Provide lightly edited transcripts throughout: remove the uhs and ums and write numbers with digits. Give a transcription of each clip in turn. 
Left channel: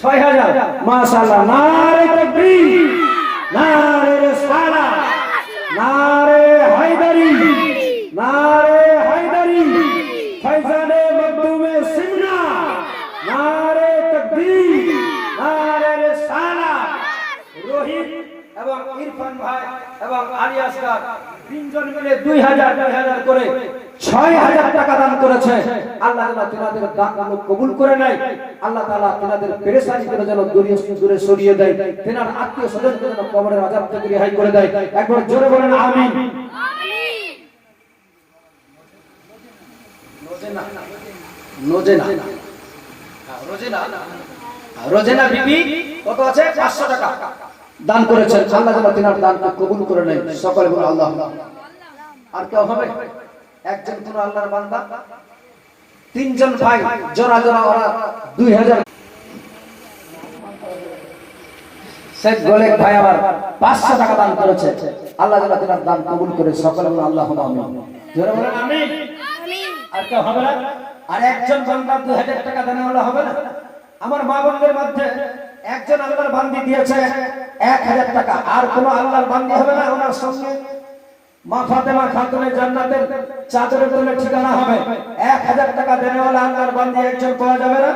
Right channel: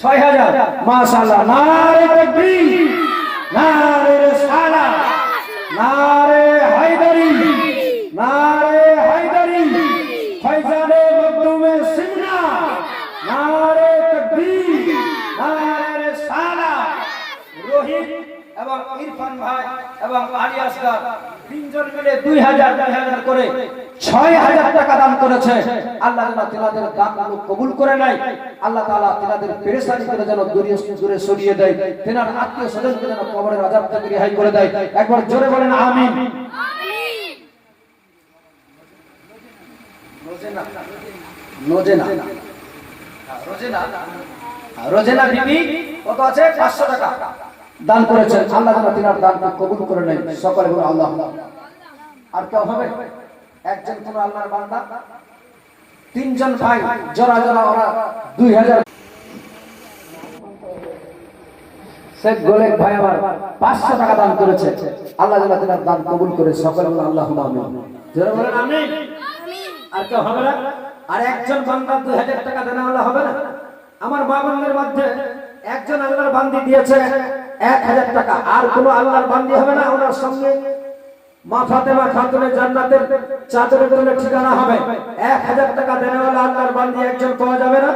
6000 মাশাআল্লাহ। নারে তাকবীর, নারে রিসালাত, নারে হায়দারি, নারে হায়দারি, ফয়জানে মখদুমে সিমনা, নারে তাকবীর, নারে রিসালাত। রোহিত এবং ইরফান ভাই এবং আলী আসগার তিনজন মিলে 2000 করে 6000 টাকা দান করেছে। আল্লাহ যেন তিনাদের দানগুলো কবুল করে নেয়। আল্লাহ তাআলা তিনাদের পেরেশানি করে যেন দূরে সরিয়ে দেয়। তিনার আত্মীয় স্বজনকে যেন কবরের আযাব থেকে রেহাই করে দেয়। একবার জোরে বলেন আমিন। রোজেনা বিবি কত আছে? 500 টাকা দান করেছেন। আল্লাহ যেন তিনার দানকে কবুল করে নেয়। সকলে বলে আল্লাহ। আর কেউ হবে? একজন কোন আল্লাহর বান্দা, তিনজন ভাই জোড়া ওরা 2000। শেখ গোলেক ভাই আবার 500 টাকা দান করেছে। আল্লাহ যেন তিনার দান কবুল করে। সকলে বলে আল্লাহুম্মা আমিন। জোরে বলেন আমিন। আর কেউ হবে না? আর একজন বান্দা 2000 টাকা দেনা হলে হবে না? আমার মা বোনদের মধ্যে একজন আল্লাহর বান্দি দিয়েছে 1000 টাকা। আর কোন আল্লাহর বান্দি হবে না? ওনার সঙ্গে মা ফাতেমা খাতুনের জান্নাতের চাদরের তলে ঠিকানা হবে। 1000 টাকা দেনেওয়ালা আল্লাহর বান্দি একজন পাওয়া যাবে না?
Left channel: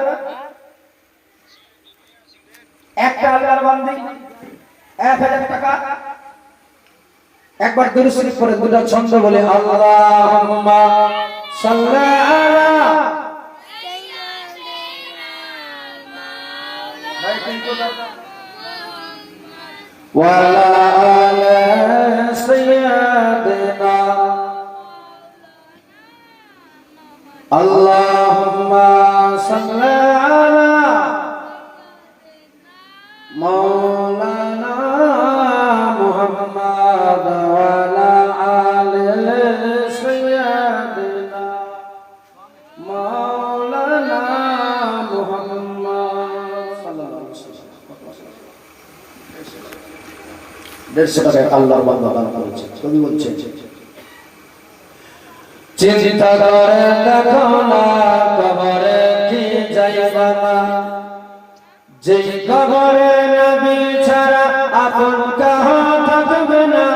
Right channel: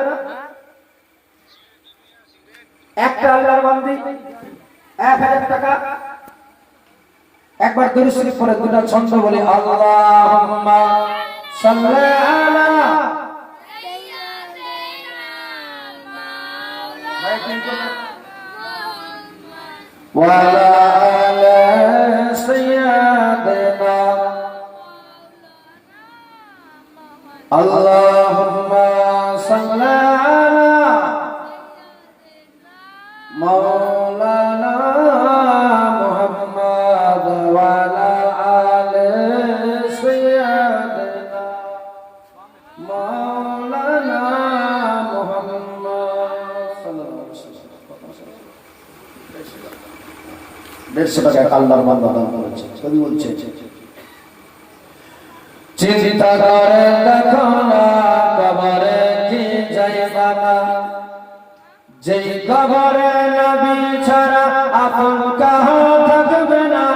একটা আল্লাহর বান্দি 1000 টাকা। একবার দুরূদ শরীফ পড়ে দুটো ছন্দ বলে আল্লাহুম্মা সাল্লি আলা ওয়া আলা সাইয়্যিদিনা আল্লাহুম্মা সাল্লি আলা মাওলানা মুহাম্মদ ওয়া আলা আলি সাইয়্যিদিনা মাওলানা মুহাম্মদ সাল্লাল্লাহু আলাইহি ওয়াসাল্লাম। 150 টাকা আল্লাহর বান্দা দান করেছে। কবি বলছে চিন্তা করে দেখো না কবরে কি যাইবা না, যেই কবরে নবী ছাড়া আপন কেহ থাকবে না,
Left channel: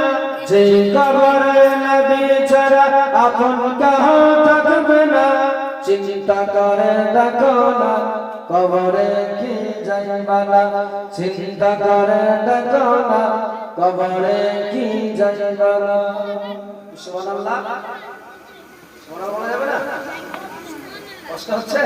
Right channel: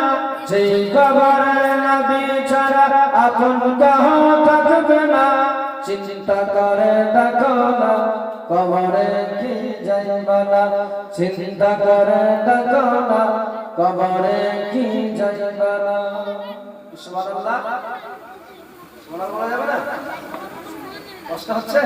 যেই কবরে নবী ছাড়া আপন কেহ থাকবে না। চিন্তা করে দেখো না কবরে কি যাইবা না, চিন্তা করে দেখো না কবরে কি যাইবা না। সুবহানাল্লাহ। সুবহানাল্লাহ বলা যাবে না? কষ্ট হচ্ছে?